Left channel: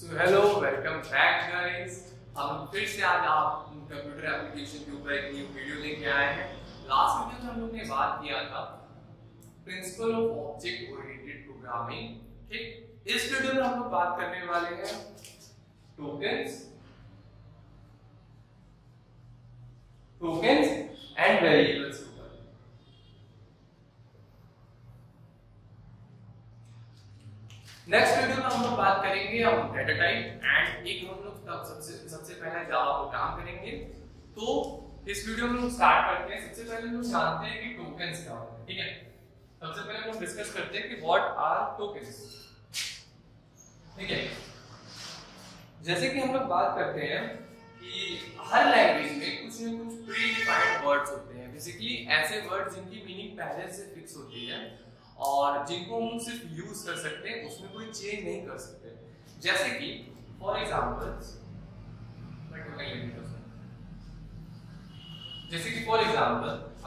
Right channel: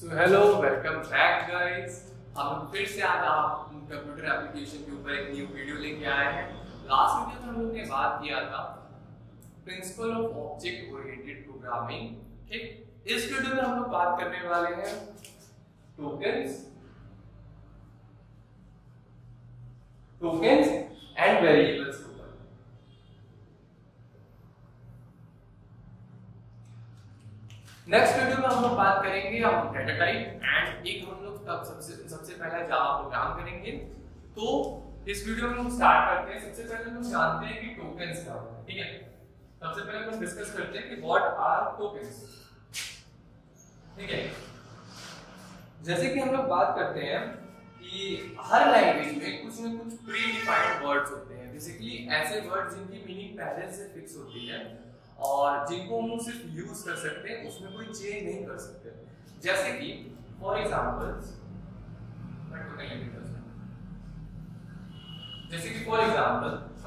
So hello, welcome back guys. हम फिर से आज आप कंप्यूटर एप्लीकेशन के ऊपर एक न्यू वीडियो लेके आए हैं। लास्ट वीडियो में हम लोग ने बात किया था principle of object oriented programming. ठीक, इस वीडियो में हम लोग बात करने वाले हैं टोकन्स एंड वेरिएबल्स के ऊपर। नेक्स्ट वीडियो में हम लोग बात करेंगे हम डेटा टाइप एंड एक हम लोग तब सबसे पहला जावा प्रोग्राम करेंगे। तो इस वीडियो में हम स्टार्ट करते हैं। सबसे पहले हम जानते हैं कि टोकन्स क्या होते हैं। ठीक है, सबसे पहले हम डिस्कस करते हैं कि व्हाट आर टोकन्स। ठीक है, जैसे कि हम लोग बात करते हैं कि हर लैंग्वेज में कुछ न कुछ प्री डिफाइंड वर्ड्स होते हैं। बेसिकली ऐसे वर्ड जिनकी मीनिंग पहले से फिक्स होती है और जिनको हम सिर्फ यूज कर सकते हैं, उसमें कोई चेंज नहीं कर सकते। जैसे कि फॉर एग्जांपल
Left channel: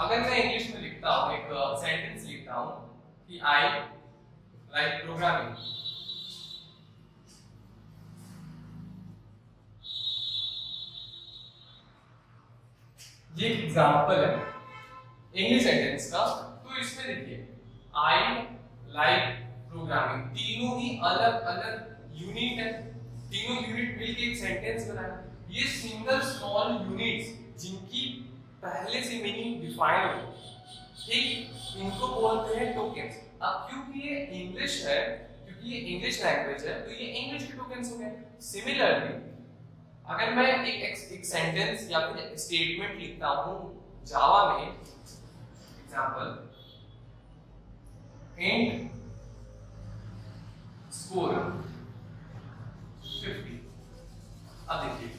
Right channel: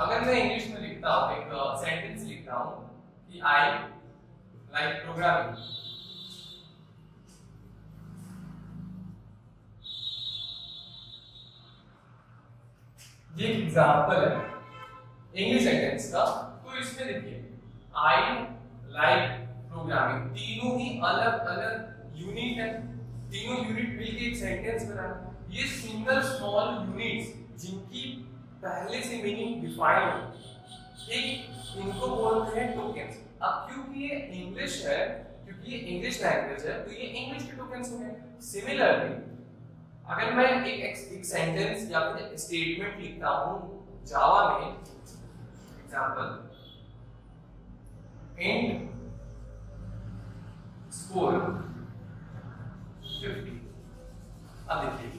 अगर मैं इंग्लिश में लिखता हूं, एक सेंटेंस लिखता हूं कि आई लाइक प्रोग्रामिंग, ये एग्जांपल है इंग्लिश सेंटेंस का। तो इसमें देखिए आई लाइक प्रोग्रामिंग, तीनों ही अलग अलग यूनिट है। तीनों यूनिट मिलकर एक सेंटेंस बनाए। ये सिंगल स्मॉल यूनिट्स जिनकी पहले से मीनिंग डिफाइन हो, ठीक, इनको बोलते हैं टोकन्स। अब क्योंकि ये इंग्लिश है, क्योंकि ये इंग्लिश लैंग्वेज है, तो ये इंग्लिश के टोकन्स हो गए। सिमिलरली अगर मैं एक सेंटेंस या फिर स्टेटमेंट लिखता हूं जावा में, एग्जांपल int स्कोर 50। अब देखिए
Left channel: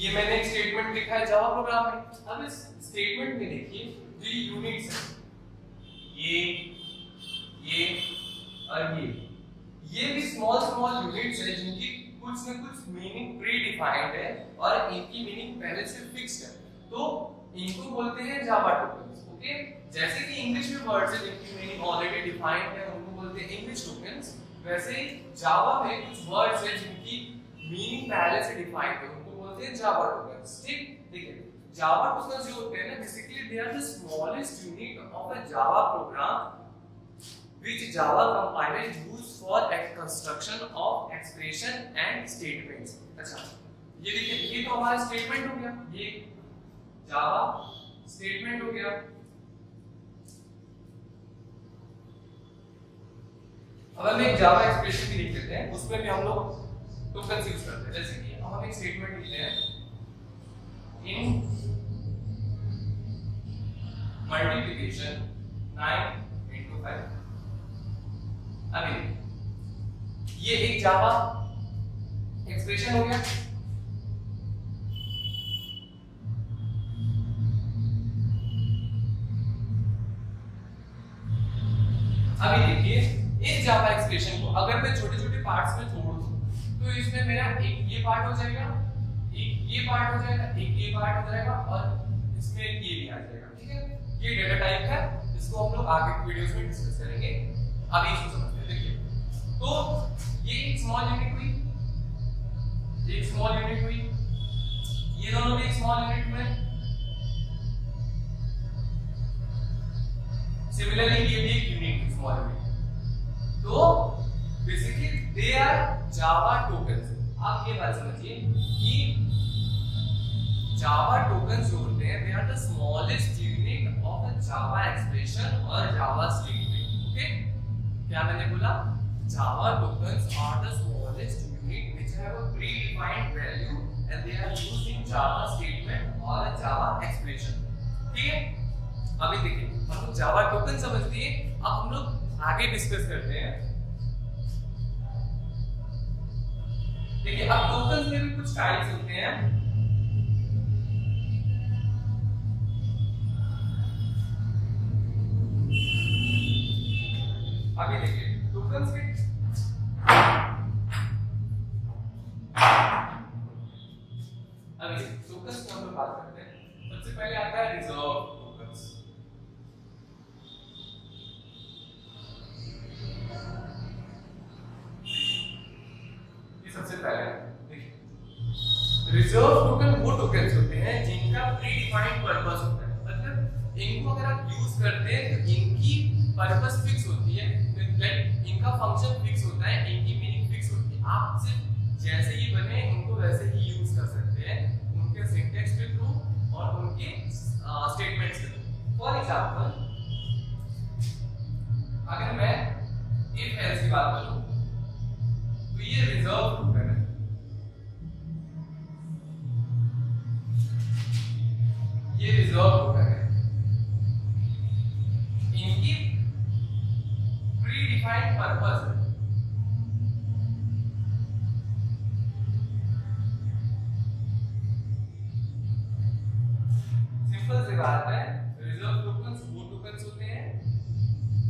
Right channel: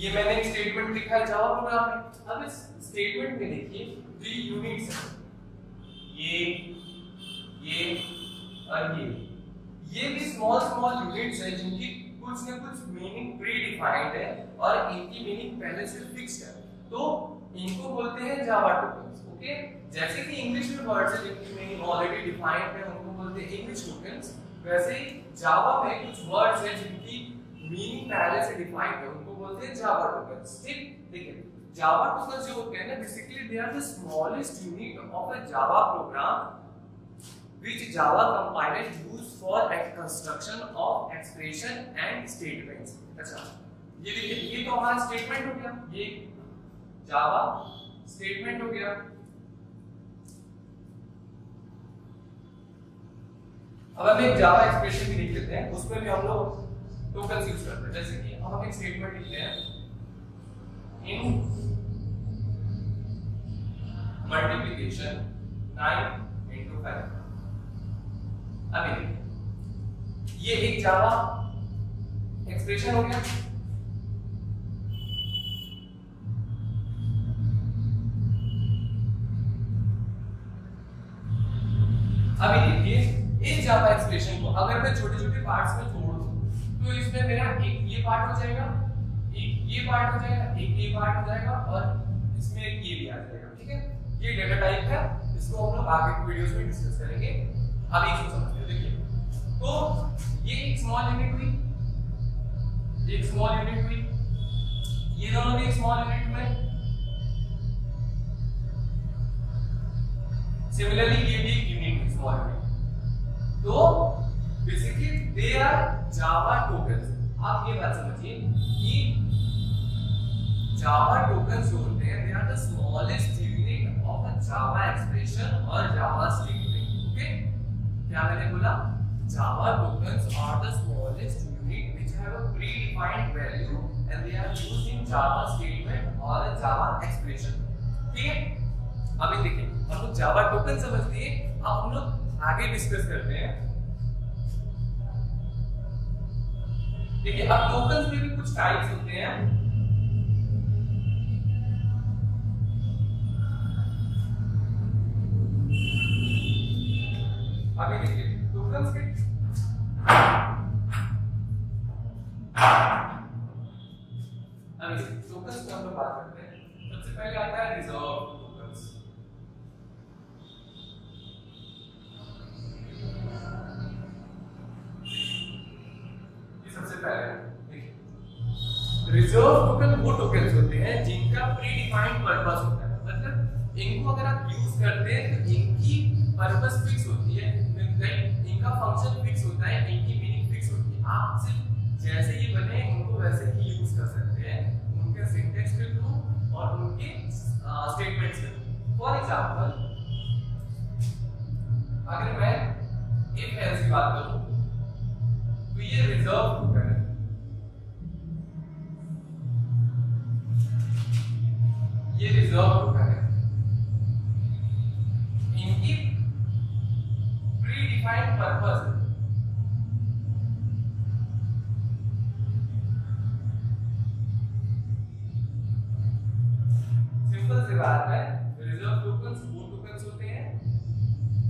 ये मैंने एक स्टेटमेंट लिखा है जावा प्रोग्राम में। अब इस स्टेटमेंट में देखिए जो यूनिट्स हैं, ये और ये भी स्मॉल स्मॉल यूनिट्स हैं जिनकी कुछ न कुछ मीनिंग प्री डिफाइंड है और इनकी मीनिंग पहले से फिक्स्ड है। तो इनको बोलते हैं जावा टोकन्स। ओके, जैसे कि इंग्लिश में वर्ड्स हैं जिनकी मीनिंग ऑलरेडी डिफाइंड है, उनको बोलते हैं इंग्लिश टोकन्स। वैसे ही जावा में कुछ वर्ड्स हैं जिनकी मीनिंग पहले से डिफाइंड है, उनको बोलते हैं जावा टोकन्स। ठीक, देखिए जावा टोकन्स जो होते हैं ना, basically they are the smallest unit of a Java program which Java compiler used for construction of expression and statements। अच्छा, ये देखिए ये तो हमारा स्टेटमेंट हो गया, ये जावा स्टेटमेंट हो गया। अब हम एक जावा एक्सप्रेशन भी लिख लेते हैं, उसमें भी हम लोग टोकन्स यूज करते हैं। जैसे कि हम एक स्टेटमेंट लिखते हैं इन मल्टीप्लिकेशन 9 into 5। अभी ये एक जावा एक्सप्रेशन हो गया। अभी देखिए इस जावा एक्सप्रेशन को अगर मैं छोटे छोटे पार्ट्स में तोड़ दूं तो इसमें मेरा एक ये पार्ट हो जाएगा, एक ये पार्ट हो जाएगा, एक ये पार्ट हो जाएगा और इसमें एक ये भी आ जाएगा। ठीक है, ये डेटा टाइप है, इसको हम लोग आगे के वीडियोस में डिस्कस करेंगे। अभी इसको समझते हैं। देखिए तो ये एक स्मॉल यूनिट हुई, एक स्मॉल यूनिट हुई, ये दोनों भी एक स्मॉल यूनिट में। सिमिलरली ये भी एक यूनिट स्मॉल यूनिट। तो basically they are Java tokens. आप ये बात समझिए कि जावा टोकन्स जो होते हैं, they are the smallest unit of a Java expression और जावा स्टेटमेंट। ओके, क्या मैंने बोला? Java tokens are the smallest unit which have a predefined value and they are used in Java statement or a Java expression। ठीक है, अभी देखिए हम लोग Java token समझ लिए, अब हम लोग आगे डिस्कस करते हैं। देखिए अब टोकन्स में भी कुछ टाइप्स होते हैं। अभी देखिए टोकन्स के टोकन्स की हम लोग बात करते हैं। सबसे पहले आता है रिजर्व टोकन्स। ये सबसे पहले रिजर्व टोकन वो टोकन्स होते हैं जिनका प्री डिफाइंड पर्पस होता है, मतलब इनको अगर आप यूज करते हैं तो इनकी पर्पस फिक्स होती है, लाइक इनका फंक्शन फिक्स होता है, इनकी मीनिंग फिक्स होती है। आप सिर्फ जैसे ये बने उनको वैसे ही यूज कर सकते हैं, उनके सिंटैक्स के थ्रू और उनके स्टेटमेंट्स के थ्रू। फॉर एग्जांपल अगर मैं इफ एल्स की बात करूं तो ये रिजर्व टोकन है, ये रिजर्व टोकन है, इनकी प्री डिफाइंड पर्पस है। सिंपल सी बात है, रिजर्व टोकन्स वो टोकन्स होते हैं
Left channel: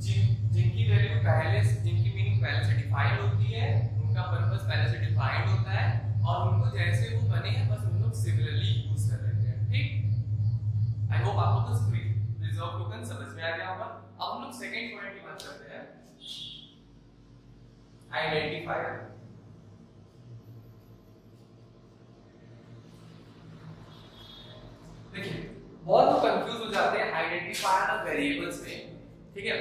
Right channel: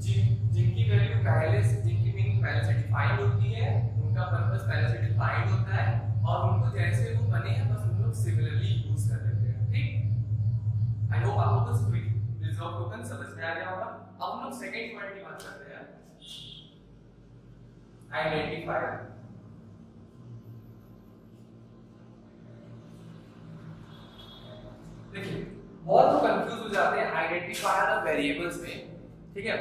जिनकी वैल्यू पहले से, जिनकी मीनिंग पहले से डिफाइंड होती है, उनका पर्पस पहले से डिफाइंड होता है और उनको जैसे वो बने हैं बस उन लोग सिमिलरली यूज कर लेते हैं। ठीक, आई होप आप लोगों को रिजर्व टोकन समझ में आ गया होगा। अब हम लोग सेकंड पॉइंट की बात करते हैं, आइडेंटिफायर। देखिए बहुत लोग कंफ्यूज हो जाते हैं आइडेंटिफायर और वेरिएबल्स में, ठीक है,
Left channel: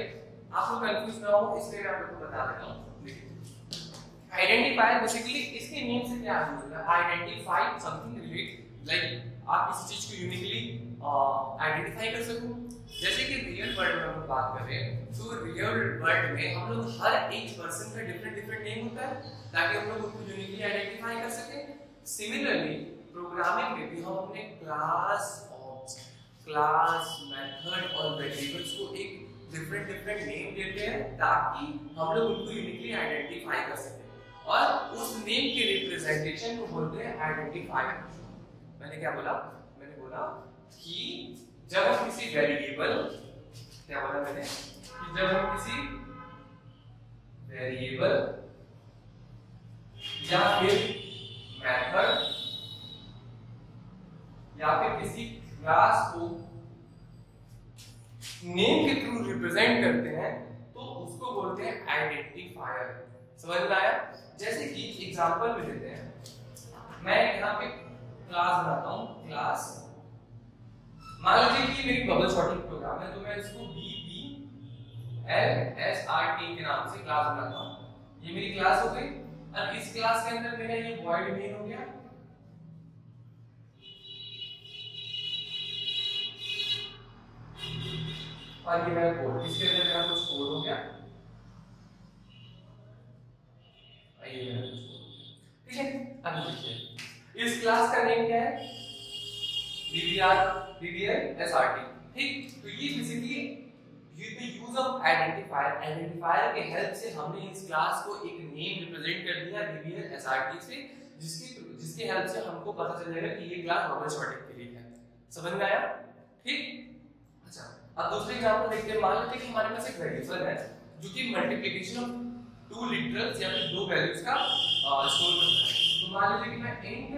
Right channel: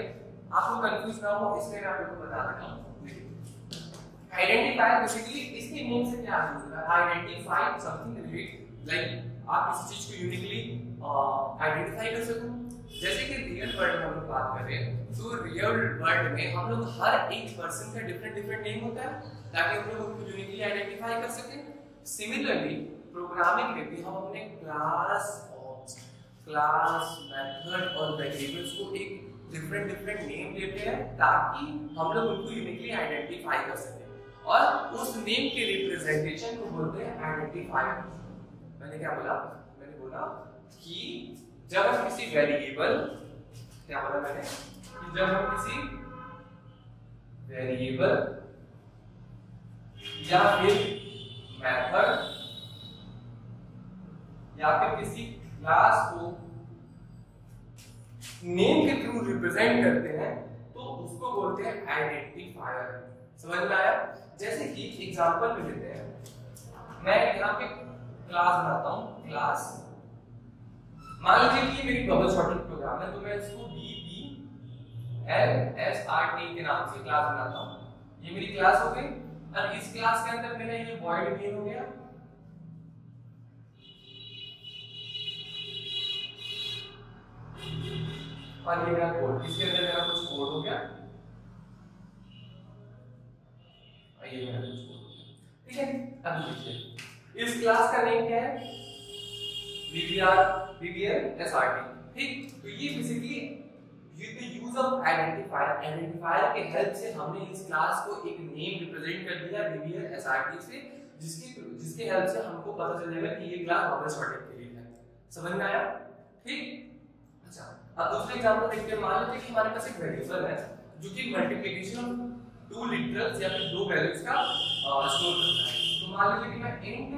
आप लोग कंफ्यूज ना हो इसलिए मैं आप लोगों को बता देता हूं। देखिए आइडेंटिफायर बेसिकली इसके नेम से क्या होता है, आइडेंटिफाई समथिंग रिलेट, लाइक आप किसी चीज को यूनिकली आइडेंटिफाई कर सको। जैसे कि रियल वर्ल्ड में हम लोग बात करें तो रियल वर्ल्ड में हम लोग हर एक पर्सन का डिफरेंट डिफरेंट नेम होता है ताकि हम लोग उनको यूनिकली आइडेंटिफाई कर सकें। सिमिलरली प्रोग्रामिंग में भी हम अपने क्लास, मेथड और वेरिएबल्स को एक डिफरेंट डिफरेंट नेम देते हैं ताकि हम लोग उनको यूनिकली आइडेंटिफाई कर सकें और उस नेम के रिप्रेजेंटेशन को बोलते हैं आइडेंटिफायर। मैंने क्या बोला, मैंने बोला कि जब हम किसी वेरिएबल, क्या बोला मैंने, कि जब हम किसी वेरिएबल या फिर मेथड या फिर किसी क्लास को नेम के थ्रू रिप्रेजेंट करते हैं तो उसको बोलते हैं आइडेंटिफायर। समझ में आया? जैसे कि एग्जांपल में लेते हैं, मैं यहाँ पे क्लास बनाता हूँ, क्लास मान लीजिए कि मेरी बबल सॉर्टिंग प्रोग्राम है तो मैं इसको BBLSRT के नाम से क्लास बनाता हूँ। ये मेरी क्लास हो गई और इस क्लास के अंदर मेरा ये वॉइड मेन हो गया, और ये मेरा कोड, इसके अंदर मेरा कुछ कोड हो गया, ये मेरा कुछ कोड, ठीक है। अब देखिए इस क्लास का नेम क्या है, BBLSRT, ठीक। तो ये बेसिकली यूज ऑफ आइडेंटिफायर के हेल्प से हमने इस क्लास को एक नेम रिप्रेजेंट कर दिया BBLSRT से, जिसके हेल्प से हमको पता चल जाएगा कि ये क्लास बबल सॉर्टेड के लिए है। समझ में आया? ठीक। अच्छा, अब दूसरे एग्जांपल देखते हैं। मान लेते हैं कि हमारे पास एक वेरिएबल है जो कि मल्टीप्लिकेशन ऑफ टू लिटरल्स या फिर दो वैल्यूज का स्टोर करता है। तो मान लीजिए कि मैं इंट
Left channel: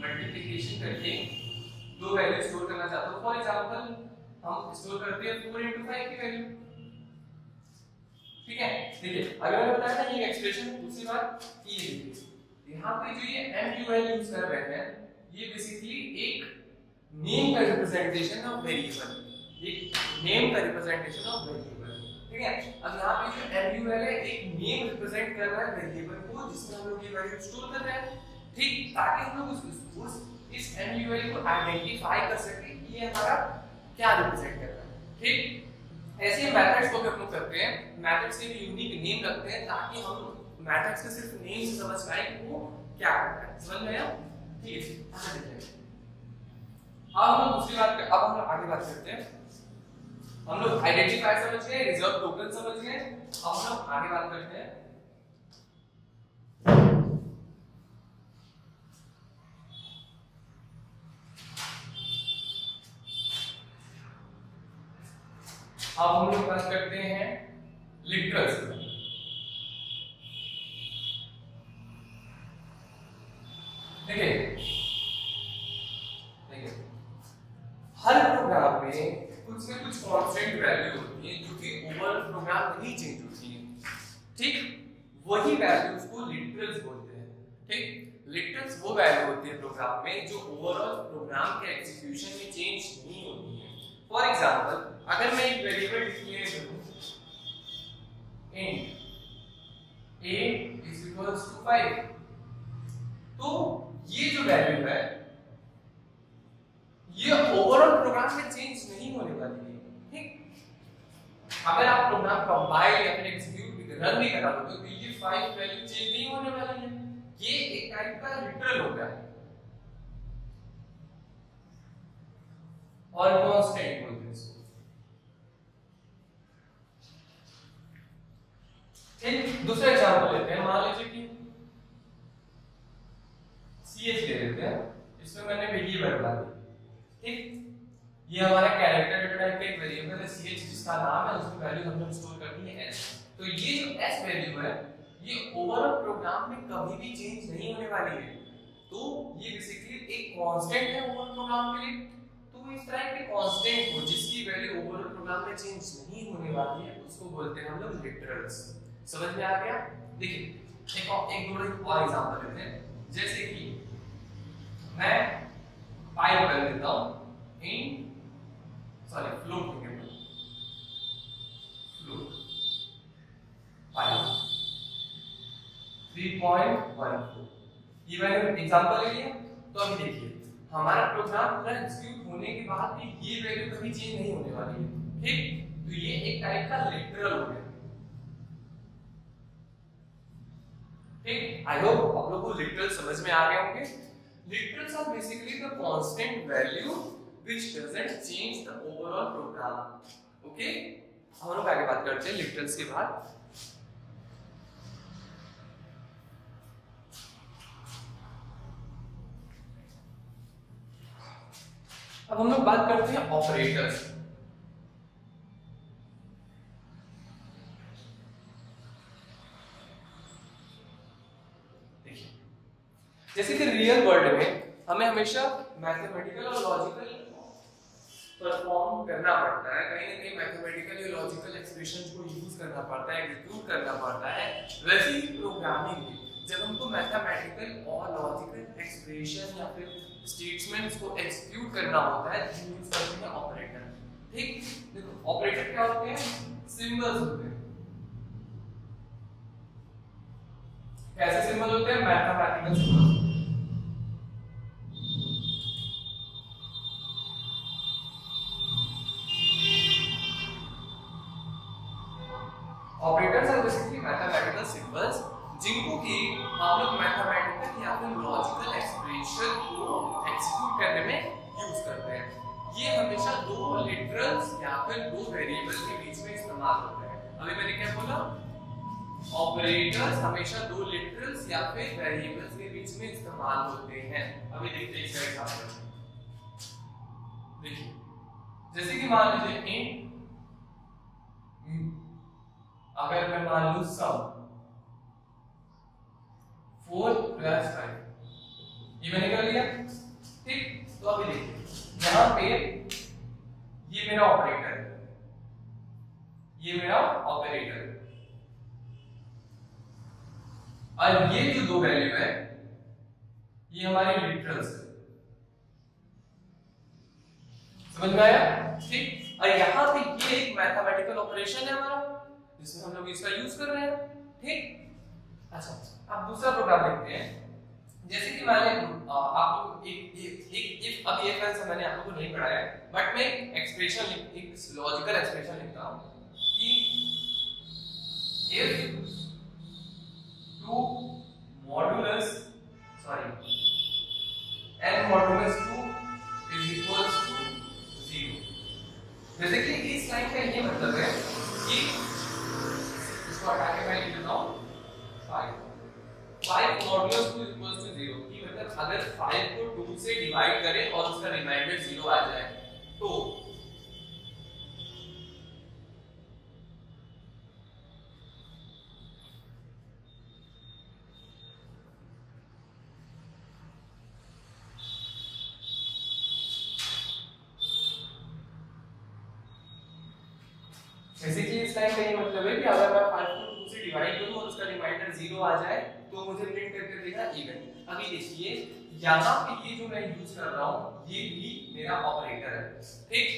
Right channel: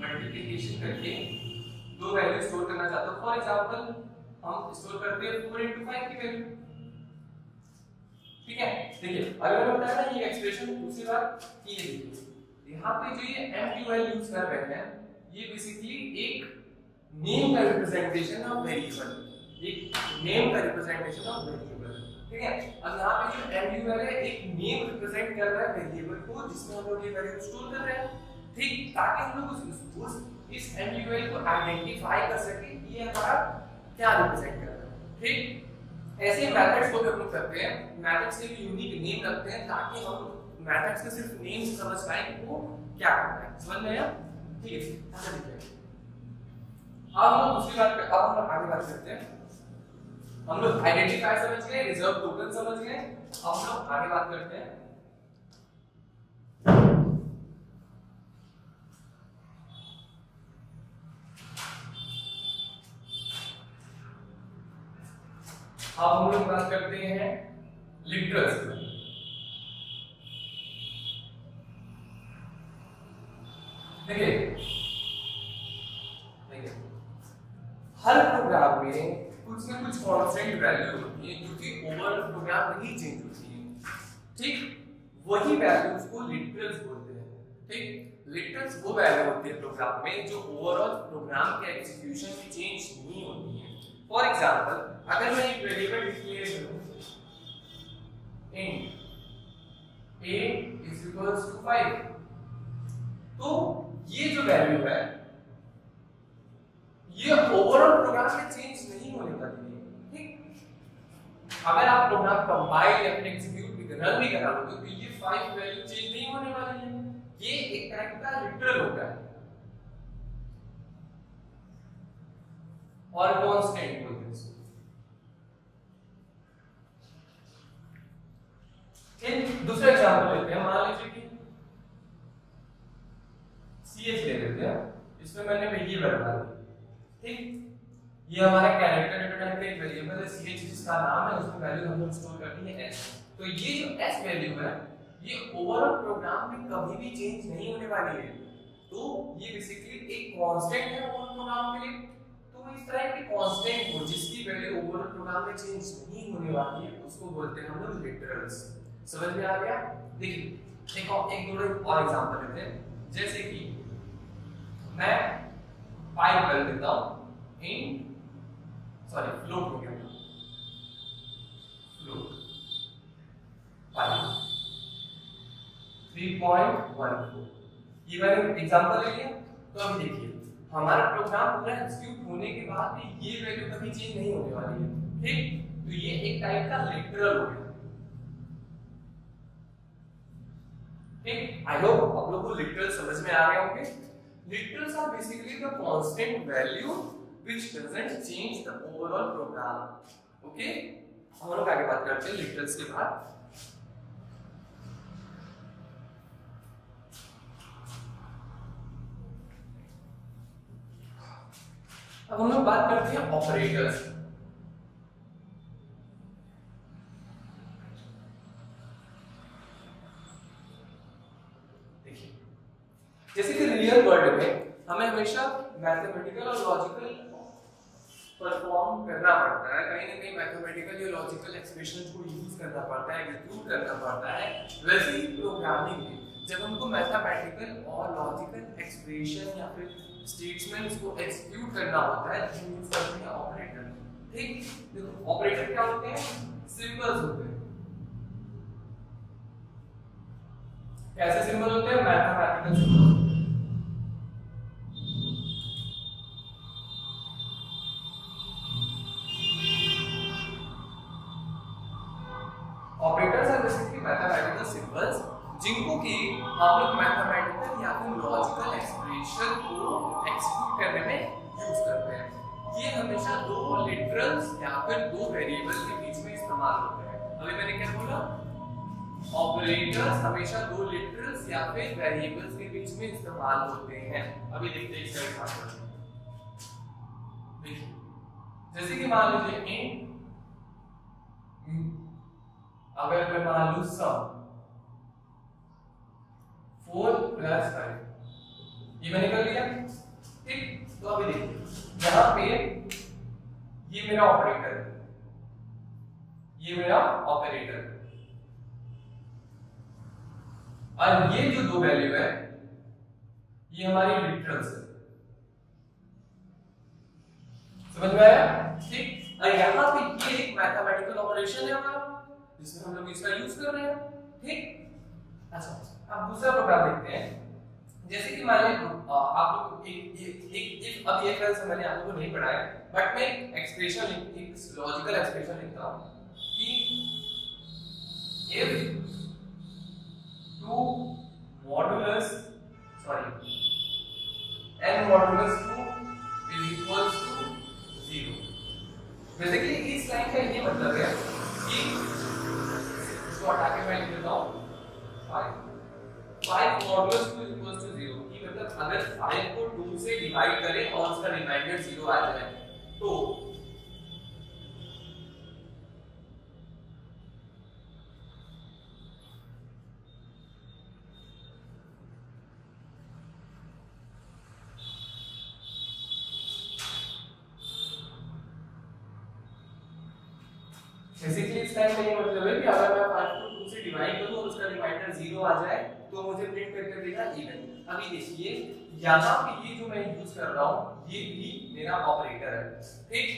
मल्टीप्लिकेशन करके दो वैल्यू स्टोर करना चाहता हूं। फॉर एग्जांपल हम स्टोर करते हैं 4 into 5 की वैल्यू, ठीक है। देखिए अगर मैंने बताया था ये एक्सप्रेशन, दूसरी बात कि ये देखिए यहाँ पे जो ये MUL यूज कर रहे हैं ये बेसिकली एक नेम का रिप्रेजेंटेशन ऑफ वेरिएबल, एक नेम का रिप्रेजेंटेशन ऑफ वेरिएबल, ठीक है। अब यहाँ पे जो MUL है एक नेम रिप्रेजेंट कर रहा है वेरिएबल को जिसमें हम लोग ये वैल्यू स्टोर कर रहे हैं, ठीक, ताकि हम लोग इस MUL को आइडेंटिफाई कर सके कि ये हमारा क्या रिप्रेजेंट कर रहा है, ठीक। ऐसे मेथड्स को भी हम लोग करते हैं, मेथड्स के भी यूनिक नेम रखते हैं ताकि हम मेथड्स का सिर्फ नेम से समझ पाए कि वो क्या करता है। समझ में आया? ठीक है। अच्छा देखिए अब हम लोग दूसरी बात, अब हम लोग आगे बात करते हैं। हम लोग आइडेंटिफायर समझ गए, रिजर्व टोकन समझ गए, अब हम लोग आगे बात करते हैं अब हम लोग बात करते हैं लिटरल्स की। देखिए हर प्रोग्राम में कुछ न कुछ कांस्टेंट वैल्यू होती है जो कि ओवर प्रोग्राम नहीं चेंज होती है, ठीक। वही वैल्यूज को लिटरल्स बोलते हैं। ठीक, लिटरल्स वो वैल्यू होती है प्रोग्राम में जो ओवरऑल प्रोग्राम के एग्जीक्यूशन में चेंज नहीं होती है। फॉर एग्जांपल, अगर मैं एक वेरिएबल डिक्लेयर करूं int a = 5, तो ये जो वैल्यू है ये ओवरऑल प्रोग्राम में चेंज नहीं होने वाली है। ठीक, अगर आप प्रोग्राम कंपाइल या फिर एग्जीक्यूट भी रन भी करा लोगे तो ये 5 वैल्यू चेंज नहीं होने वाली है। ये एक टाइप का लिटरल हो गया है और कांस्टेंट बोलते हैं इसको। ठीक, दूसरा एग्जांपल लेते हैं। मान लीजिए कि ch ले लेते हैं, इसमें मैंने वेरिएबल डाल दी। ठीक, ये हमारा कैरेक्टर डेटा टाइप का एक वेरिएबल है ch जिसका नाम है, उसमें वैल्यू हम लोग स्टोर करते हैं s। तो ये जो s वैल्यू है ये ओवरऑल प्रोग्राम में कभी भी चेंज नहीं होने वाली है। तो ये बेसिकली एक कांस्टेंट है ओवरऑल प्रोग्राम के लिए। तो इस तरह के कांस्टेंट को जिसकी वैल्यू ओवरऑल प्रोग्राम में चेंज नहीं होने वाली है उसको बोलते हैं हम लोग लिटरल्स। समझ में आ गया? देखिए एक और एग्जांपल लेते हैं। जैसे कि मैं 5 कर देता हूं फ्लोट हो गया, फ्लोट 5 3.14। ये मैंने एग्जांपल ले लिया। तो अभी देखिए हमारा प्रोग्राम पूरा एग्जीक्यूट होने के बाद भी ये वैल्यू कभी चेंज नहीं होने वाली है। ठीक, तो ये एक टाइप का लिटरल हो गया। ठीक, आई होप आप लोगों को लिटरल समझ में आ गए होंगे। Literals are basically the constant value which doesn't change the overall program. Okay, हम लोग आगे बात करते हैं लिटरल्स के बाद। अब हम लोग बात करते हैं ऑपरेटर्स। देखिए जैसे कि रियल वर्ल्ड में हमें हमेशा मैथमेटिकल और लॉजिकल परफॉर्म करना पड़ता है, कहीं ना कहीं मैथमेटिकल या लॉजिकल एक्सप्रेशंस को यूज करना पड़ता है, एग्जीक्यूट करना पड़ता है। वैसे ही प्रोग्रामिंग में जब हमको मैथमेटिकल और लॉजिकल एक्सप्रेशन या फिर स्टेटमेंट्स को एग्जीक्यूट करना होता है तो यूज करते हैं ऑपरेटर। ठीक, देखो ऑपरेटर क्या होते हैं? सिंबल्स होते हैं। कैसे सिंबल होते हैं? Mathematical symbol. Operators are basically mathematical symbols जिनको कि हम लोग मैथमेटिकल या फिर लॉजिकल एक्सप्रेशन को एग्जीक्यूट करने में यूज करते हैं। ये हमेशा दो लिटरल्स या फिर दो वेरिएबल के बीच में इस्तेमाल होते हैं। अभी मैंने क्या बोला? ऑपरेटर्स हमेशा दो लिटरल्स या फिर वेरिएबल्स के बीच में इस्तेमाल होते हैं। अभी देखते हैं इसका एग्जांपल। देखिए जैसे कि मान लीजिए int अगर मैं मान लूं सम 4 + 5, ये मैंने कर लिया। ठीक, तो अभी देखिए यहां पे ये मेरा ऑपरेटर है, ये मेरा ऑपरेटर और ये जो दो वैल्यू है ये हमारी लिटरल्स है। समझ में आया? ठीक, और यहां पे ये एक मैथमेटिकल ऑपरेशन है हमारा जिसमें हम लोग इसका यूज कर रहे हैं। ठीक, अच्छा अब दूसरा प्रोग्राम देखते हैं। जैसे कि मैंने आप लोग एक अब ये फैंस मैंने आप लोगों को नहीं पढ़ाया, बट मैं एक्सप्रेशन एक लॉजिकल एक्सप्रेशन लिखता हूं कि if 2 modulus n modulus 2 = 0। Basically इस लाइन का ये मतलब है कि इसको हटा के मैं लिख देता हूं 5 मॉडुलस 2 = 0 की मतलब अगर 5 को 2 से डिवाइड करें और उसका रिमाइंडर 0 आ जाए तो बेसिकली इस टाइम का ये मतलब है कि अगर मैं 5 को 2 से डिवाइड करूं और उसका रिमाइंडर 0 आ जाए तो मुझे प्रिंट करके देगा इवन। अभी देखिए यहाँ पे ये जो मैं यूज कर रहा हूँ ये भी मेरा ऑपरेटर है, ठीक।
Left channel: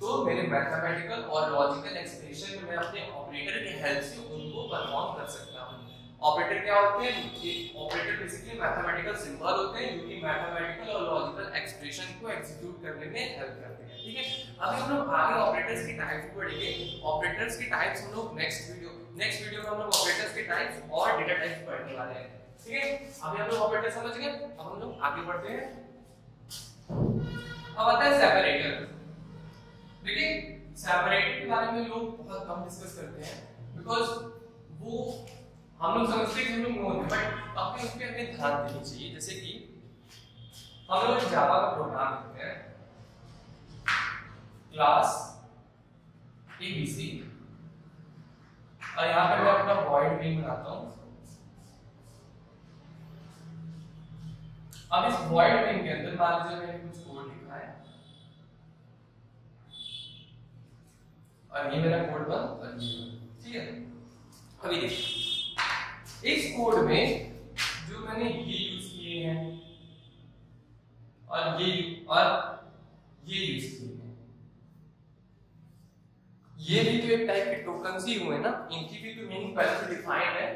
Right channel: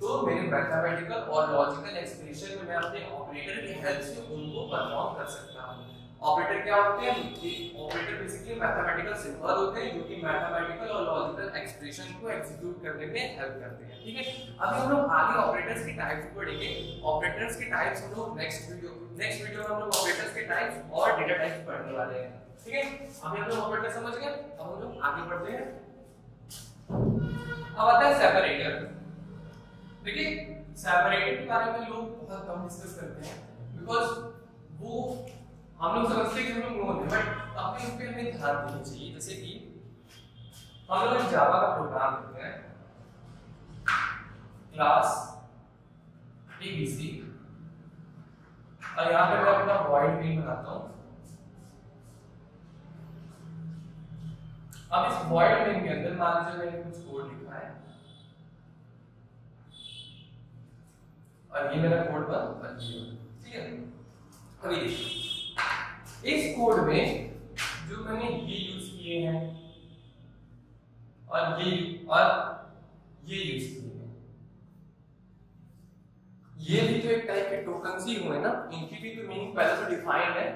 तो मेरे मैथमेटिकल और लॉजिकल एक्सप्रेशन में मैं अपने ऑपरेटर की हेल्प से उनको परफॉर्म कर सकता हूँ। ऑपरेटर क्या होते हैं? ये ऑपरेटर बेसिकली मैथमेटिकल सिंबल होते हैं जो कि मैथमेटिकल और लॉजिकल एक्सप्रेशन को एग्जीक्यूट करने में हेल्प करते हैं, ठीक है। अभी हम लोग आगे ऑपरेटर्स की टाइप्स पढ़ेंगे। ऑपरेटर्स की टाइप्स हम लोग नेक्स्ट वीडियो में हम लोग ऑपरेटर्स के टाइप्स और डेटा टाइप्स पढ़ने वाले हैं, ठीक है। अभी हम लोग ऑपरेटर समझ गए, अब हम लोग आगे बढ़ते हैं। अब आता है सेपरेटर। देखिए सेपरेटर के बारे में लोग बहुत कम डिस्कस करते हैं बिकॉज़ वो हम लोग समझते हैं कि हम लोग नोन है, बट अपने उस पे हमें ध्यान देना चाहिए। जैसे कि हम लोग जावा का प्रोग्राम लिखते हैं क्लास ABC और यहाँ पे मैं अपना वॉइड मेन बनाता हूँ। अब इस वॉइड मेन के अंदर मान लीजिए मैंने कुछ कोड लिखा है और ये मेरा कोड बन गया, ठीक है। अभी देखिए इस कोड में जो मैंने ये यूज किए हैं और ये यूज किए हैं, ये भी तो एक टाइप के टोकन्स ही हुए ना, इनकी भी तो मीनिंग पहले से डिफाइंड है।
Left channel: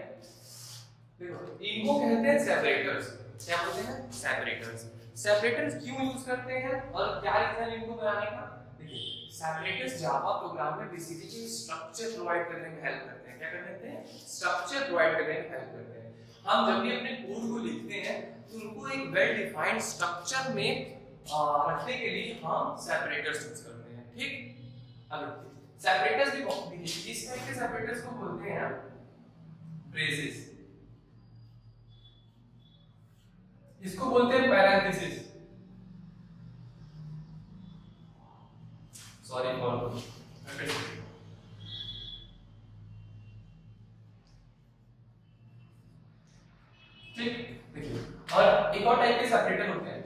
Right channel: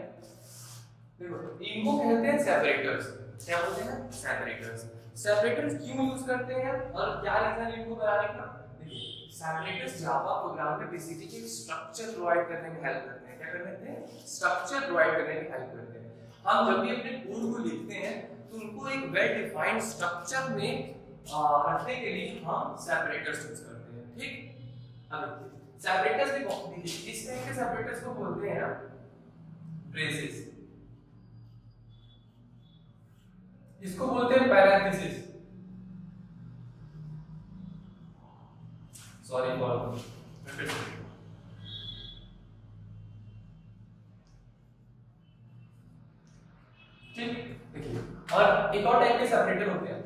देखो इनको कहते हैं सेपरेटर्स। क्या बोलते हैं? सेपरेटर्स। सेपरेटर्स क्यों यूज करते हैं और क्या रीजन इनको बनाने का? देखिए सेपरेटर्स जावा प्रोग्राम में बेसिकली स्ट्रक्चर प्रोवाइड करने में हेल्प करते हैं। क्या करते हैं? स्ट्रक्चर प्रोवाइड करने में हेल्प करते हैं। हम जब भी अपने कोड को लिखते हैं तो उनको एक वेल डिफाइंड स्ट्रक्चर में रखने के लिए हम सेपरेटर्स यूज करते हैं, ठीक। अब सेपरेटर्स भी देखिए इस टाइप के सेपरेटर्स को बोलते हैं ब्रेसेस, इसको बोलते हैं पैरेंथेसिस। सॉरी फॉर ठीक। देखिए और एक और टाइप के सेपरेटर होते हैं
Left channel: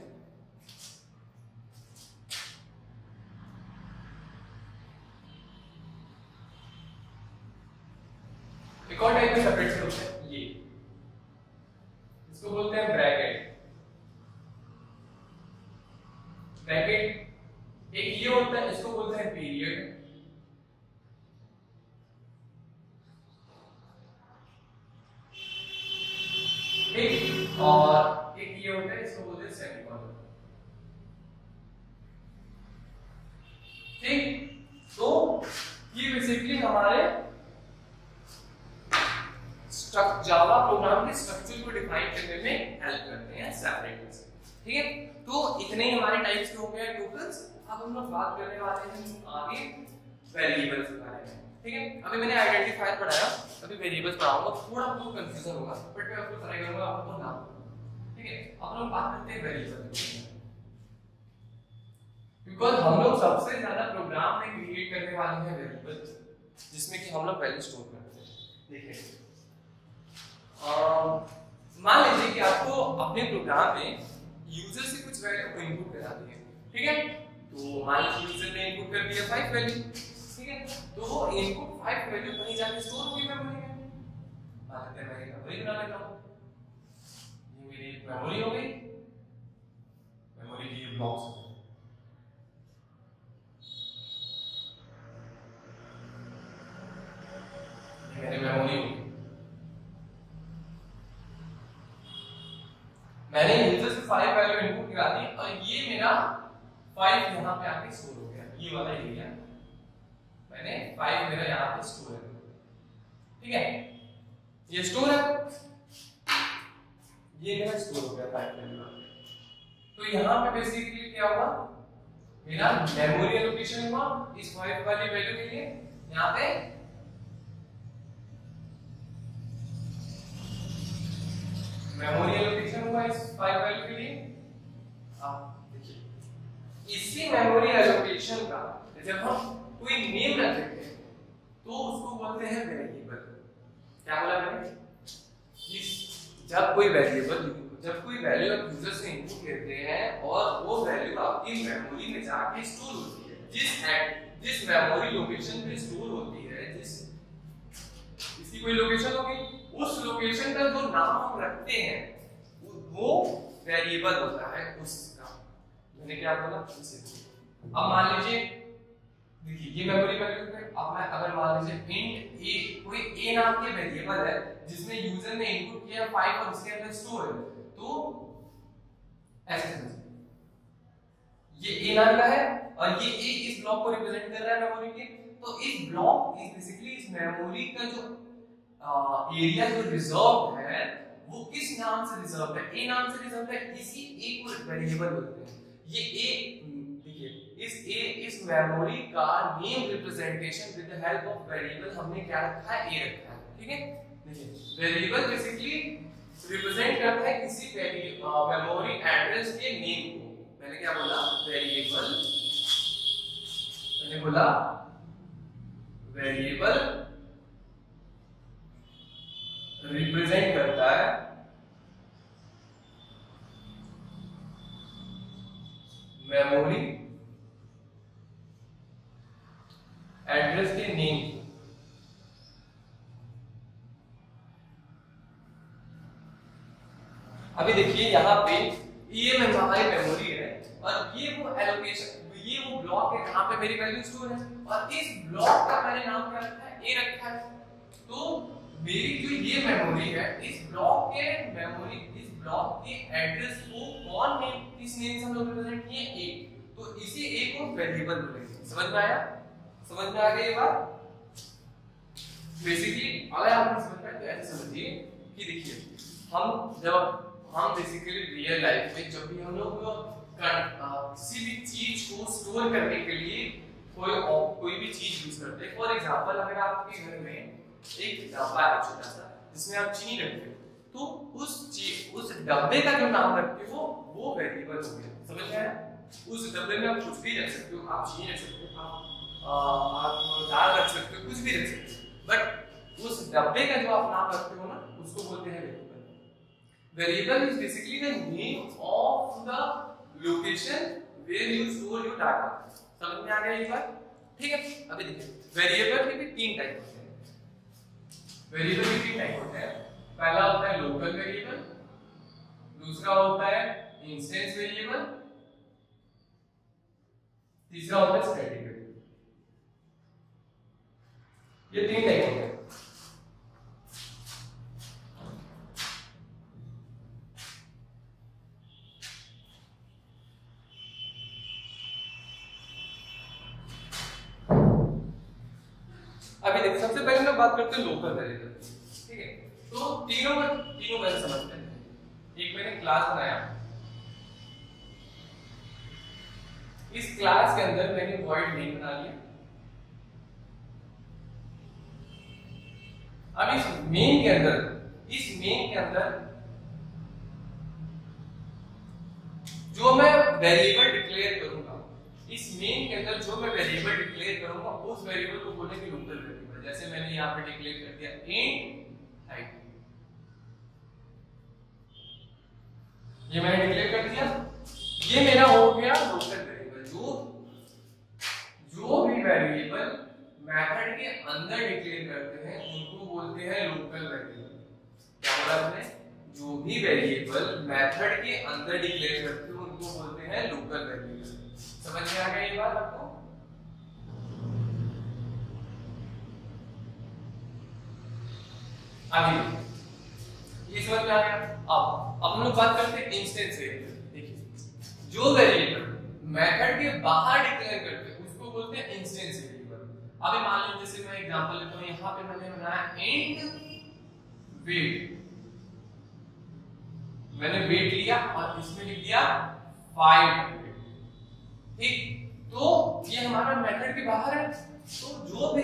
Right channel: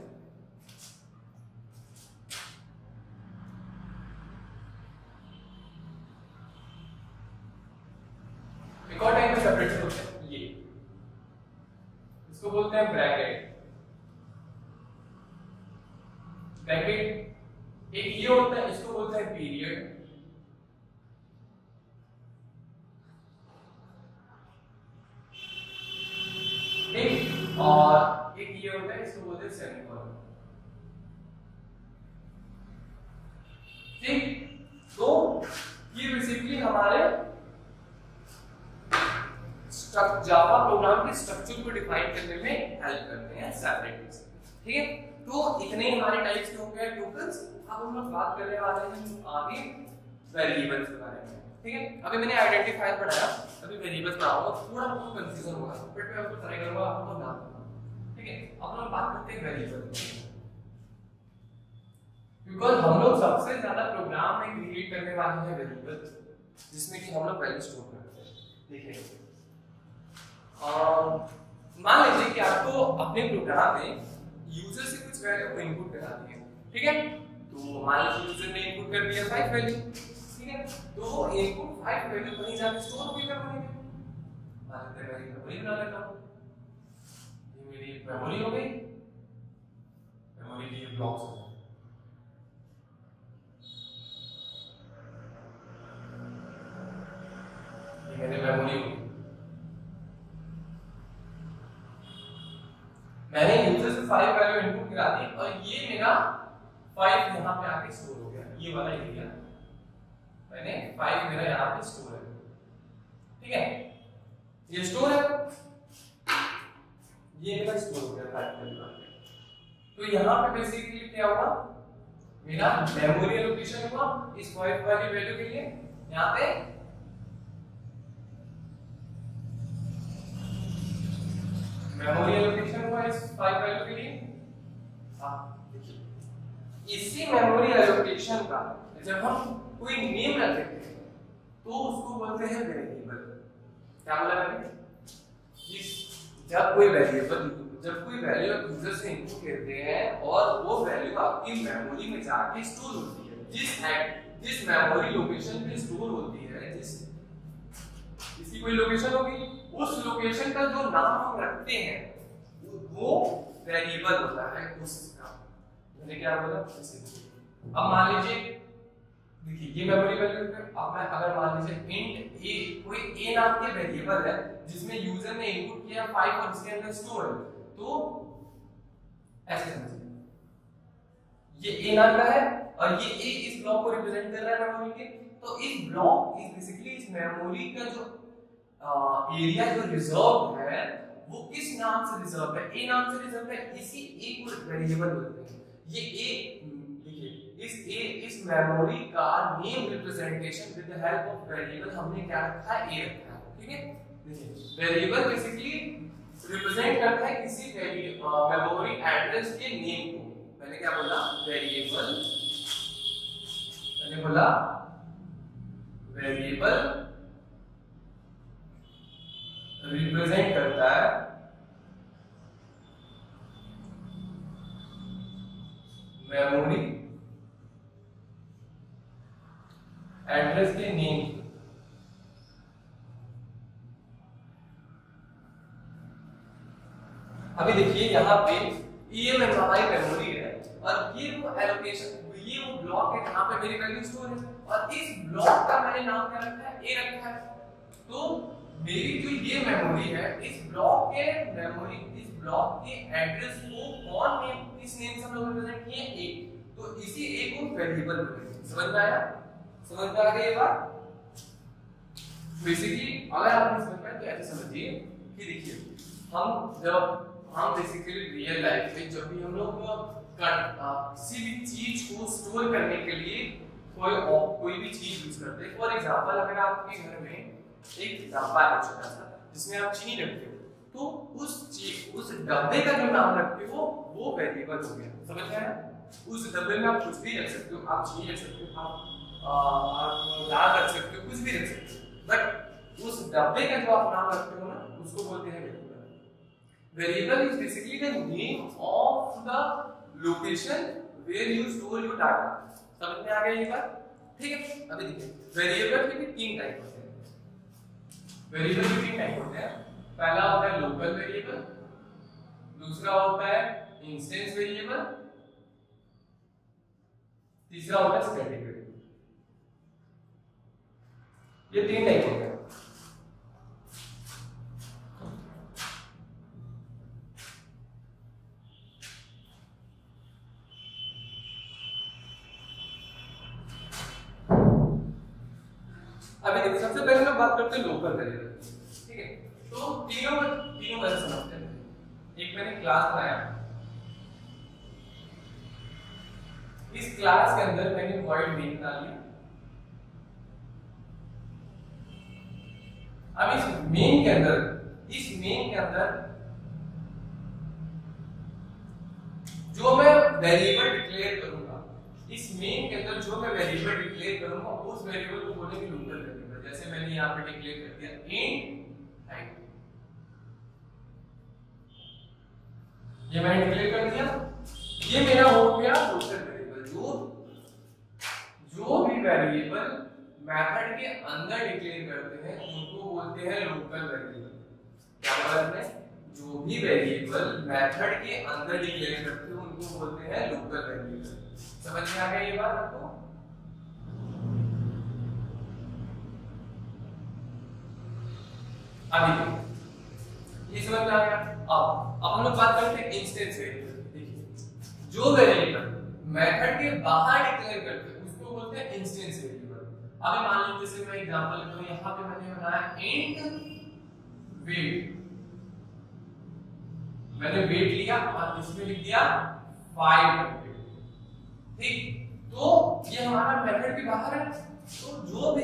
सेपरेटर होते हैं ये, इसको बोलते हैं ब्रैकेट। ब्रैकेट एक ये होता है, इसको बोलते हैं पीरियड। ठीक, और एक ये होता है, इसको बोलते हैं सेमीकोलन। ठीक, तो ये बेसिकली हमारे जावा प्रोग्राम के स्ट्रक्चर को डिफाइन करने में हेल्प करते हैं सेपरेटर्स, ठीक है। तो इतने हमारे टाइप्स के हो गए टोटल्स। अब हम लोग बात करने वाले हैं आगे वेरिएबल्स के बारे में, ठीक है। अभी मैंने आइडेंटिफायर पढ़ाया, अभी वेरिएबल्स पढ़ाऊंगा, थोड़ा बहुत कंफ्यूजन होगा बट मैं आपको ट्राई करूंगा आपको नाम, ठीक है। अब हम बात करते हैं वेरिएबल, बिकॉज़ हम लोग सबसे ज्यादा प्रोग्राम में क्रिएट करने वाले हैं वेरिएबल, जिसमें कि हम लोग वैल्यू स्टोर करते हैं। देखिए मान लीजिए कि आपको अपने प्रोग्राम में यूजर से कुछ वैल्यू इनपुट करानी है, ठीक है। तो मान लीजिए यूजर ने इनपुट कर दिया 5 वैल्यू, ठीक है। तो इनपुट 5 वैल्यू कहीं जाके स्टोर होगी मेमोरी में। मान लेते हैं मैं मेमोरी बना लेता हूं, ये मेरी मेमोरी हो गई। मेमोरी के ये ब्लॉक्स हो गए, ये मेरी मेमोरी हो गई। मैंने यूजर से 5 वैल्यू इनपुट करा दी और ये मेरा 5 यहाँ पे आके स्टोर हो गया, ये वाला एरिया मैंने 5 मेरा यहाँ पे स्टोर है, ठीक है। ये स्टोर है, ये मेरा स्टोर हो गया 5 वैल्यू। तो यहाँ पे बेसिकली क्या होगा, मेरा मेमोरी एलोकेशन हुआ इस 5 वाली वैल्यू के लिए। यहाँ पे मेमोरी एलोकेशन हुआ इस 5 वैल्यू के लिए। देखिए इसी मेमोरी एलोकेशन का जब हम कोई नेम रख देते हैं तो उसको बोलते हैं वेरिएबल। क्या बोला मैंने? जब कोई वैल्यू आप यूजर से इनपुट करते हैं और वो वैल्यू आपकी मेमोरी में जाके स्टोर होती है, जिस मेमोरी लोकेशन पे स्टोर होती है, इसकी कोई लोकेशन होगी उस लोकेशन का जो नाम हम रखते हैं वो वेरिएबल होता है उसका। मैंने क्या बोला? अब मान लीजिए, देखिए ये मेमोरी वैल्यू है। अब मैं अगर मान लीजिए इंट ए, कोई ए नाम के वेरिएबल है जिसमें यूजर ने इनपुट किया 5 और इसके अंदर स्टोर है, तो ऐसे समझिए ये ए नाम का है और ये ए इस ब्लॉक को रिप्रेजेंट कर रहा है मेमोरी के। तो इस ब्लॉक इस बेसिकली इस मेमोरी का जो एरिया जो रिजर्व है वो किस नाम से रिजर्व है? ए नाम से रिजर्व है। इसी ए को वेरिएबल बोलते हैं। ये ए, देखिए इस मेमोरी का name representation with the help of variable हमने क्या रखा है? ए रखा है। ठीक है, देखिए वेरिएबल बेसिकली रिप्रेजेंट करता है किसी मेमोरी एड्रेस के नेम को। मैंने क्या बोला? वेरिएबल, मैंने बोला वेरिएबल रिप्रेजेंट करता है मेमोरी एड्रेस के नेम। अभी देखिए यहाँ पे ये हमारी मेमोरी है और ये वो एलोकेशन, ये वो ब्लॉक है जहां पे मेरी वैल्यू स्टोर है और इस ब्लॉक का मैंने नाम क्या रखा है? ए रखा है। तो मेरी जो ये मेमोरी है, इस ब्लॉक के मेमोरी, इस ब्लॉक के एड्रेस को कौन नेम, किस नेम से हम लोग रिप्रेजेंट किए? ए। तो इसी ए को वेरिएबल बोलेंगे। समझ में आया? समझ में आ गई ये बात? बेसिकली अगर आप समझ पाए तो ऐसे समझिए कि देखिए हम बेसिकली रियल लाइफ में जब भी हम लोग किसी भी चीज को स्टोर करने के लिए कोई भी चीज यूज करते हैं। फॉर एग्जांपल अगर आपके घर में एक डब्बा है छोटा सा जिसमें आप चीनी रखते हो, तो उस डब्बे का जो नाम रखते हो वो वेरिएबल हो गया। समझ में आया? उस डब्बे में आप कुछ भी रख सकते हो, आप चीनी रख सकते हो, आप दाल रख सकते हो, कुछ भी रख सकते हो, बट उस डब्बे का जो आप नाम रखते हो ना उसको बोलते हैं variable. Variable is basically the name of the location where you store your data. समझ में आ गया ये बात? ठीक है, अभी देखिए वेरिएबल के भी तीन टाइप होते हैं। वेरिएबल के तीन टाइप होते हैं। पहला होता है लोकल वेरिएबल, दूसरा होता है इंस्टेंस वेरिएबल, तीसरा होता है स्टैटिक वेरिएबल। ये तीन टाइप होते हैं। अभी देखो सबसे पहले मैं बात करते हैं लोकल वेरिएबल। ठीक है, तो तीनों बार समझते हैं। एक मैंने क्लास बनाया, इस क्लास के अंदर मैंने वॉइड मेन बना लिया। अब इस मेन के अंदर जो मैं वेरिएबल डिक्लेयर करूंगा, इस मेन के अंदर जो मैं वेरिएबल डिक्लेयर करूंगा उस वेरिएबल को बोलेंगे लोकल वेरिएबल। जैसे मैंने यहां पे डिक्लेयर कर दिया इंट हाइट, ये मैंने डिक्लेयर कर दिया, ये मेरा हो गया लोकल वेरिएबल। जो भी वेरिएबल मेथड के अंदर डिक्लेयर करते हैं उनको बोलते हैं लोकल वेरिएबल। क्या मतलब है? जो भी वेरिएबल मेथड के अंदर डिक्लेयर करते हैं उनको बोलते हैं लोकल वेरिएबल। समझ में आ गया ये बात आपको? अभी ये समझ में आ गया। अब हम लोग बात करते हैं इंस्टेंस वेरिएबल। देखिए जो वेरिएबल मेथड के बाहर डिक्लेयर करते हैं उसको बोलते हैं इंस्टेंस वेरिएबल। अभी मान लीजिए जैसे मैं एग्जांपल लेता हूं, यहां पे मैंने बनाया इंट वेट, मैंने वेट लिया और इसमें लिख दिया 500। ठीक, तो ये हमारा मेथड के बाहर है। तो जो भी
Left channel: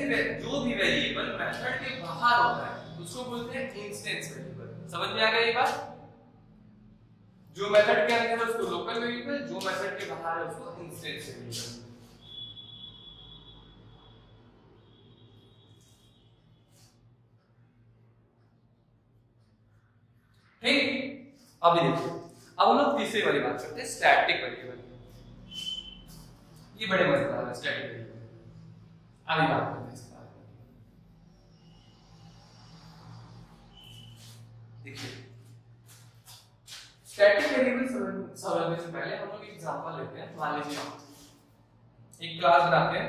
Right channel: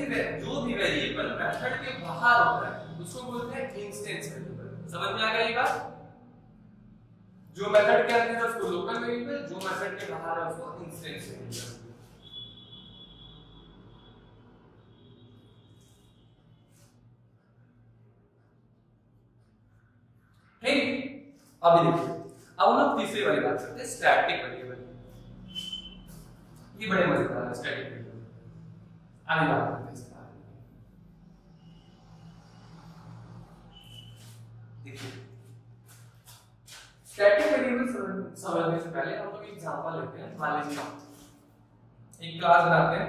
वेरिएबल मेथड के बाहर होता है उसको बोलते हैं इंस्टेंस वेरिएबल। समझ में आ गया ये बात? जो मेथड के अंदर है उसको लोकल वेरिएबल, जो मेथड के बाहर है उसको इंस्टेंस वेरिएबल। ठीक, अभी देखिए अब हम लोग तीसरी वाली बात करते हैं, स्टैटिक वेरिएबल। ये बड़े मजेदार है स्टैटिक वेरिएबल। आगे बात करते हैं इसके बारे में। स्टैटिक वेरिएबल समझने से पहले हम लोग एक एग्जांपल लेते हैं। मान लीजिए एक क्लास बनाते हैं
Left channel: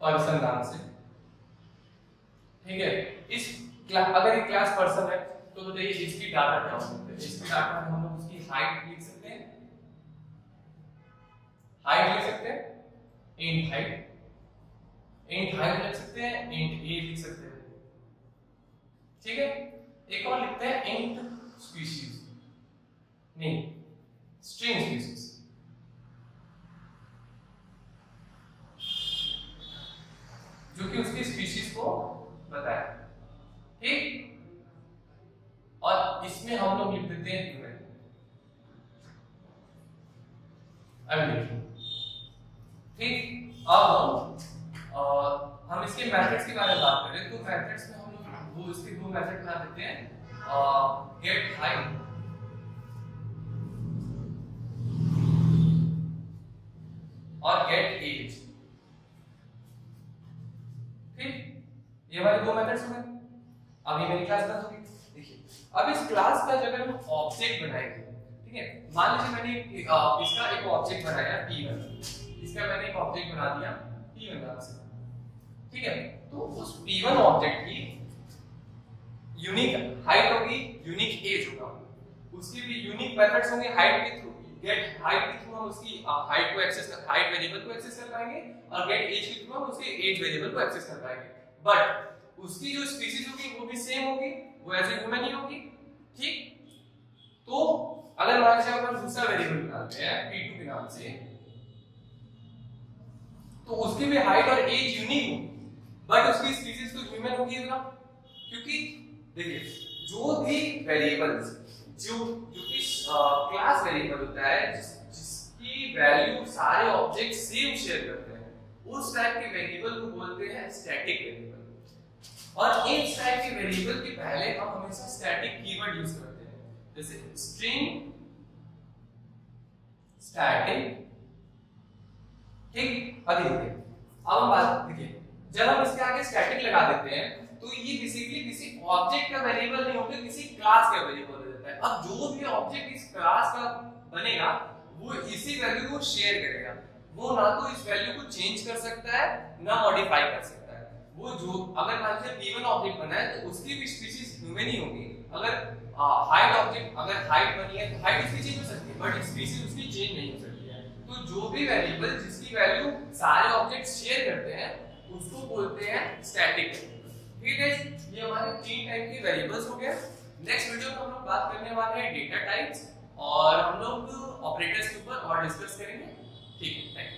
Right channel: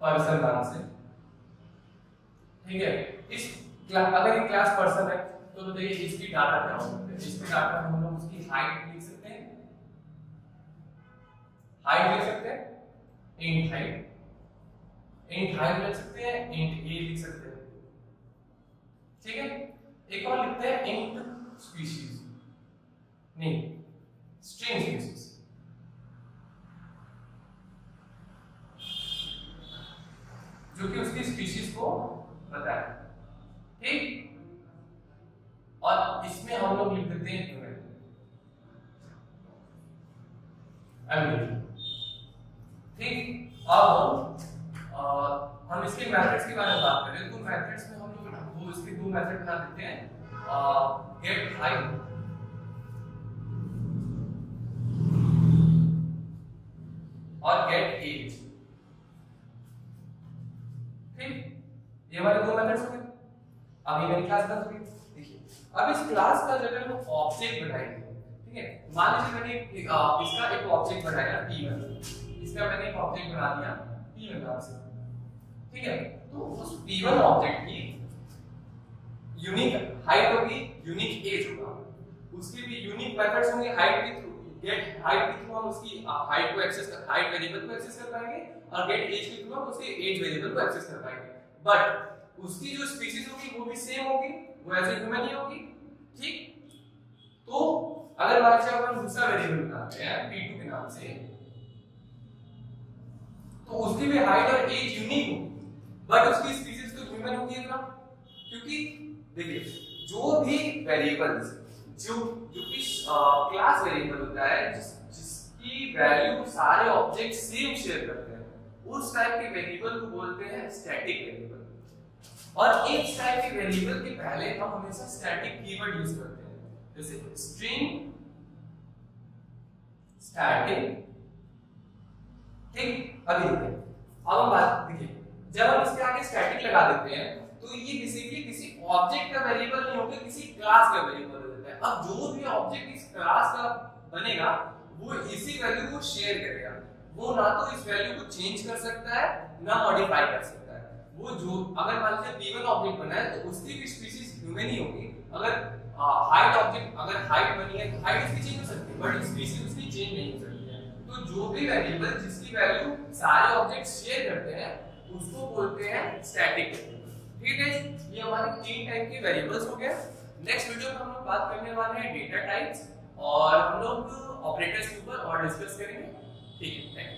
पर्सन नाम से, ठीक है। इस अगर एक क्लास पर्सन है तो बताइए इसकी डाटा क्या हो सकते हैं। इसकी डाटा में हम लोग उसकी हाइट लिख सकते हैं, हाइट लिख सकते हैं, इंट हाइट लिख सकते हैं, इंट ए लिख सकते हैं, ठीक है। एक और लिखते हैं इंट स्पीशीज, नहीं स्ट्रिंग स्पीशीज, जो कि उसकी स्पीशीज को बताए, ठीक। और इसमें हम लोग लिख देते हैं ह्यूमन। ठीक। अब हम इसके मेथड्स के बारे में बात करें तो मेथड्स में हम लोग वो इसके दो मेथड बना देते हैं, गेट हाइट और गेट एज, ठीक। ये हमारे दो मेथड्स हो गए। अब ये मेरी क्लास बन चुकी है। देखिए अब इस क्लास का जब हम ऑब्जेक्ट बनाएंगे, ठीक है। मान लीजिए मैंने इसका एक ऑब्जेक्ट बनाया p1, इसका मैंने एक ऑब्जेक्ट बना दिया p1 नाम से, ठीक है। तो उस p1 ऑब्जेक्ट की यूनिक हाइट होगी, यूनिक एज होगा, उसके भी यूनिक मेथड्स होंगे। हाइट के थ्रू, गेट हाइट के थ्रू हम उसकी हाइट को एक्सेस कर, हाइट वेरिएबल को एक्सेस कर पाएंगे, और गेट एज के थ्रू हम उसके एज वेरिएबल को एक्सेस कर पाएंगे। बट उसकी जो स्पीशीज होगी वो भी सेम होगी, वो एज ए ह्यूमन ही होगी, ठीक। तो अगर मान लीजिए अपन दूसरा वेरिएबल निकालते हैं p2 के नाम से, तो उसकी भी हाइट और एज यूनिक होगी, बट उसकी स्पीशीज तो ह्यूमन होगी ना, क्योंकि देखिए जो भी वेरिएबल्स जो कि क्लास वेरिएबल होता है जिसकी वैल्यू सारे ऑब्जेक्ट सेम शेयर करते हैं, उस टाइप के वेरिएबल को बोलते हैं स्टैटिक वेरिएबल। और इस टाइप के वेरिएबल के पहले हम हमेशा स्टैटिक कीवर्ड यूज करते हैं, जैसे स्ट्रिंग स्टैटिक, ठीक। अभी देखिए अब हम बात देखिए, जब हम इसके आगे स्टैटिक लगा देते हैं तो ये बेसिकली किसी ऑब्जेक्ट का वेरिएबल नहीं होता, किसी क्लास का वेरिएबल हो जाता है। अब जो भी ऑब्जेक्ट इस क्लास का बनेगा वो इसी वैल्यू को शेयर करेगा, वो ना तो इस वैल्यू को चेंज कर सकता है ना मॉडिफाई कर सकता है। वो जो अगर मान लीजिए p1 ऑब्जेक्ट बना है तो उसकी भी स्पीशीज ह्यूमन ही होगी। अगर हाइट ऑब्जेक्ट, अगर हाइट बनी है तो हाइट उसकी चेंज हो सकती है, बट स्पीशीज उसकी चेंज नहीं हो सकती है। तो जो भी वेरिएबल जिसकी वैल्यू सारे ऑब्जेक्ट शेयर करते हैं उसको बोलते हैं स्टैटिक वेरिएबल, ठीक है। ये हमारे तीन टाइप के वेरिएबल्स हो गए। नेक्स्ट वीडियो में हम लोग बात करने वाले हैं डेटा टाइप्स, और हम लोग ऑपरेटर्स के ऊपर और डिस्कस करेंगे, ठीक है। Thank you.